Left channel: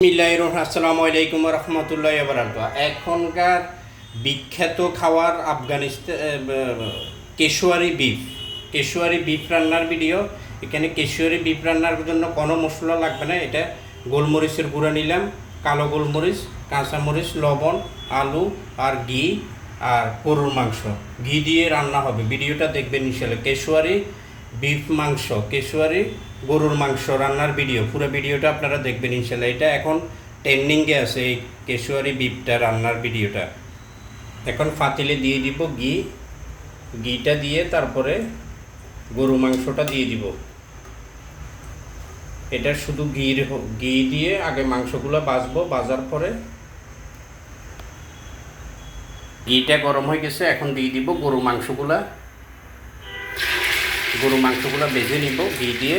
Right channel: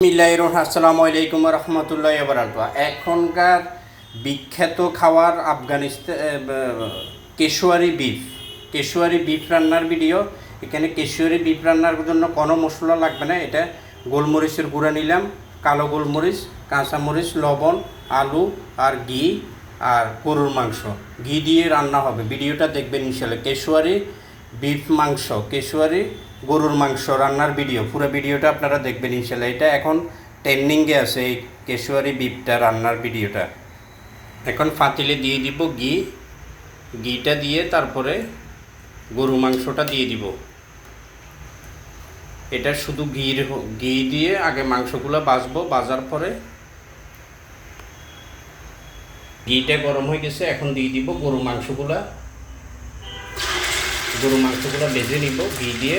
আসসালামু আলাইকুম রহমতুল্লাহ বারাকাতুহু। এখনকার বিখ্যাত খাবার আফগানিস্তান কেশুয়ারি বিফ রান্নার ভিডিও। এখানে কেশুয়ারি বিফ রান্নার জন্য কোনো মশলা লাগবে না। এটা গোলমরিচের গুঁড়া নিলাম, কালো গোলমরিচ, কাঁচামরিচ, লবণ, আলু আর ঘি আর গরুর মাংস। ঘি দিয়ে রান্না হবে। ভিডিওটা দেখবেন ইনশাআল্লাহ। কেশুয়ারি গরুর মাংস রান্নার ভিডিও। পুরো ভিডিওটা আপনারা দেখবেন ইনশাআল্লাহ। এটা এখন ট্রেন্ডিংয়ে আছে এই কেশুয়ারি বিফটা রান্নার ভিডিওটা। এখন পাতিলে দিয়ে দিব ঘিটা দিয়ে তারপরে গরু মাংসটা দিয়ে দিব। এটা শুধু ঘি দিয়ে আগে মাংসগুলো ভাজবো। ভাজার পরে ঘিটা গরম হয়ে গেছে, এখন দিয়ে দিব গরু মাংসগুলা ভেজে নিব ঘি দিয়ে।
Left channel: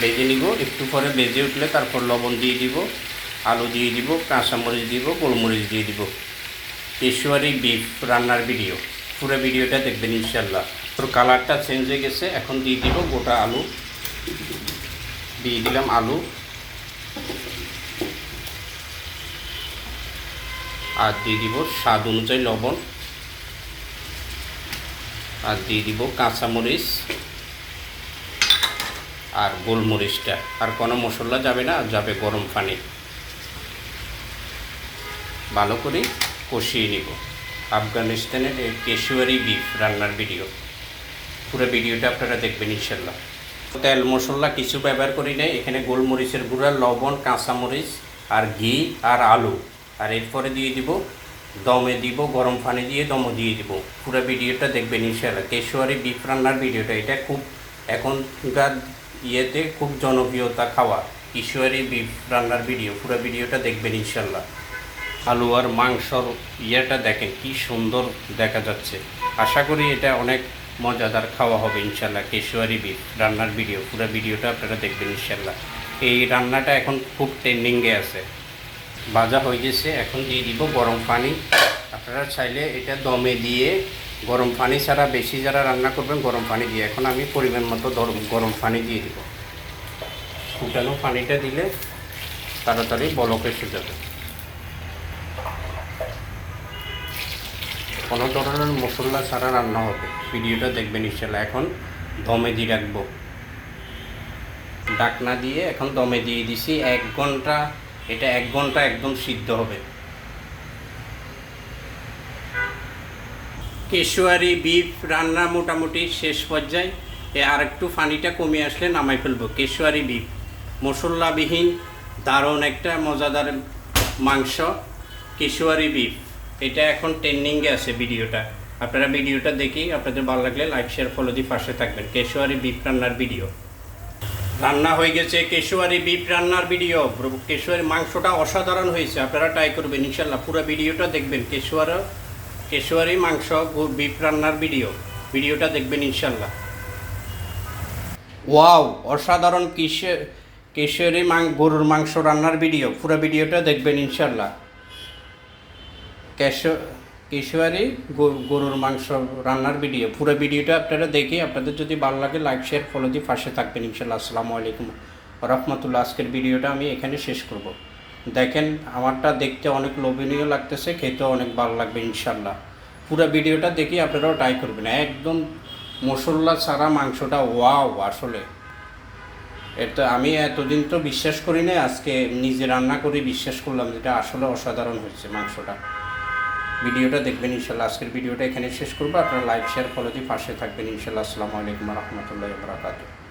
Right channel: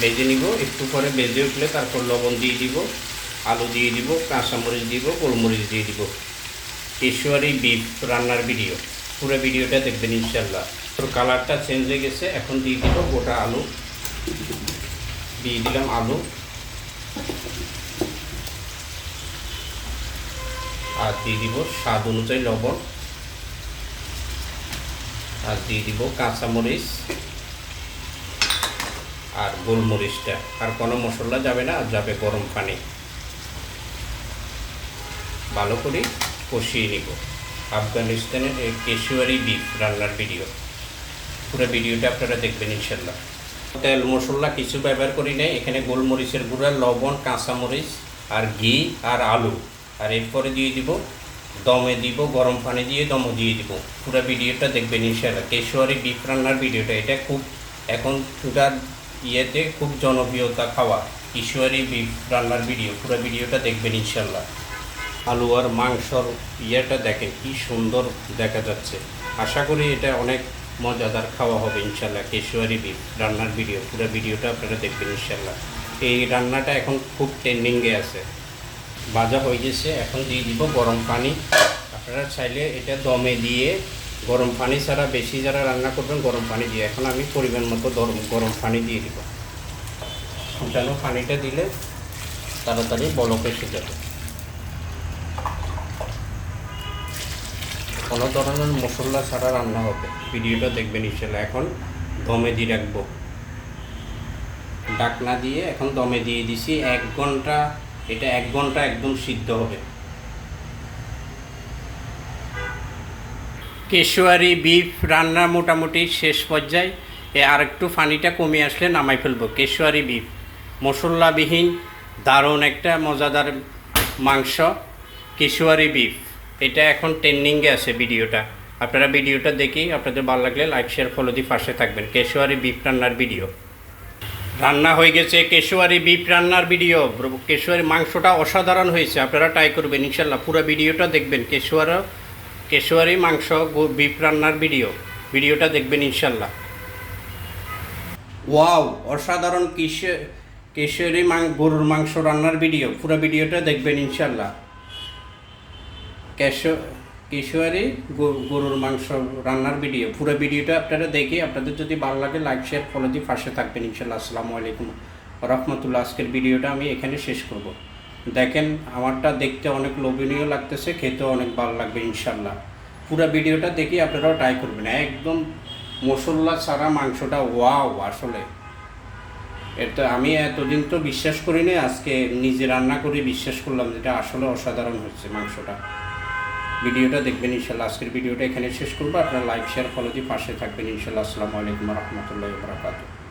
ভেজে নিব, একটু পরে ভেজে উঠলে তারপর লবণ দিয়ে দিব, আলু দিয়ে দিব, কাঁচামরিচ দিব, গোলমরিচ দিয়ে দিব। কেশুয়ারি বিফ রান্নার ভিডিও। পুরো ভিডিওটা দেখবেন ইনশাআল্লাহ। তোর কালারটা চেঞ্জ হয়ে গেছে, এখন দিয়ে দিব গোটা আলু। দিয়ে দিলাম আলু আর দিয়ে দিব স্বাদ অনুযায়ী লবণ আর দিয়ে দিব কাঁচামরিচ আর গোলমরিচটা। আর কোনো মশলা যাবে না, যাবে গরম পানি। ভালো করে কষিয়ে নিব। আফগানিস্তানের এই কেশুয়ারি বিফ রান্নার ভিডিও। পুরো ভিডিওটা আপনারা দেখবেন ইনশাআল্লাহ। তেল মশলা কিছু ব্যবহার করি নাই। এখানে গোলমরিচের গুঁড়া, লবণ, কাঁচামরিচ আর ঘি আর আলু। আর এরপরে দিয়ে দিব দমে দিব, গরম পানি দিয়ে দমে দিয়ে দিব। পুরো ভিডিওটা দেখবেন ইনশাআল্লাহ। কেশুয়ারি বিফ রান্নার ভিডিওটা। এটা খুব এখনকার ইয়েতে খুব জনপ্রিয়তা খাওয়া কেশুয়ারি বিফ রান্নার ভিডিও। পুরো ভিডিওটা দেখবেন ইনশাআল্লাহ। আলু আর মাংসর ইয়েটা দেখেন কি সুন্দর দেখা যাচ্ছে। আশা করি এটা অনেক মজাদার খাওয়া হবে ইনশাআল্লাহ। কেশুয়ারি বিফ রান্নার ভিডিও। পুরো ভিডিওটা আপনারা দেখবেন ইনশাআল্লাহ। এই রান্নাটা এখন খুব ট্রেন্ডিংয়ে আছে। ভাজা হয়ে গেছে, এখন দিয়ে দিব গরম পানি। আপনারা চাইলে এটা দমে দিয়ে গরম পানি ছাড়া বেশি যারা রান্না করবেন গরম পানি দিয়ে। এখন আমি পরিমাণ মতো গরম পানি দিয়ে দিব। ফুটানো পানিটা দিলে তাড়াতাড়ি বলক এসে যাবে। কোনো ধরনের মশলা ছাড়া রান্না হবে। ভিডিওটা দেখবেন ইনশাআল্লাহ। এখন দমে দিয়ে রাখবো, ঢাকনা দিয়ে এখন দমে দিয়ে দিছি 1 ঘন্টা। এটা 1 ঘন্টা একদম সিদ্ধ হবে। কেশুয়ারি বিফ রান্না মোটামুটি শেষ পর্যায়ে। আর একটু পানিটা কমে আসলে নামাই ফেলবো। কেশুয়ারি বিফ মশলাবিহীন দারুণ একটা মজাদার মাংস কেশুয়ারি বিফ। এটা এখন ট্রেন্ডিংয়ে আছে ভিডিওটা। আপনারা ভিডিওটা দেখি, আপনাদের ভালো লাগলে লাইক শেয়ার ফলো দিয়ে পাশে থাকবেন। কেশুয়ারি বিফ রান্নার ভিডিও রান্না হয়ে গেছে। কেশুয়ারি বিফ রান্নার ভিডিও। কেশুয়ারি মাংসটা অসাধারণ হয়েছে, আপনারা ট্রাই করবেন ইনশাআল্লাহ। পুরো ভিডিওটা দেখবেন। কেশুয়ারি মাংস বিফ রান্নার ভিডিওটা দেখবেন ইনশাআল্লাহ। ওয়াও, অসাধারণ কেশুয়ারি গরুর মাংস রান্নার ভিডিও। পুরো ভিডিওটা দেখবেন ইনশাআল্লাহ। কেশুয়ারি গরুর মাংস রান্নার ভিডিও। পুরো ভিডিওটা আপনারা দেখি, আপনাদের যদি ভালো লাগে লাইক শেয়ার ফলো দিয়ে পাশে থাকবেন ইনশাআল্লাহ। আসসালামু আলাইকুম রহমতুল্লাহ। আজকের ভিডিওটা আমি এখানে শেষ করব। দেখেন আমারটা দেখতে অনেক লোভনীয় লাগতেছে, খেতেও অনেক ভালো লাগবে ইনশাআল্লাহ। পুরো ভিডিওটা দেখি আপনারাও ট্রাই করবেন। একদম মশলা ছাড়া মাংসটা ওয়াও। আসলে এটা আমি এতদিন তো বিশ্বাস করি না, আজকে নিজে রান্না করে বিশ্বাস করলাম যেটা আসলে অসাধারণ হচ্ছে মাংসটা। ভিডিওটা দেখবেন ইনশাআল্লাহ। আজকের ভিডিওটা এখানে শেষ করবো। আপনারা লাইক শেয়ার ফলো দিয়ে পাশে থাকবেন ইনশাআল্লাহ। আসসালামু আলাইকুম রহমতুল্লাহি ওয়া বারাকাতুহু।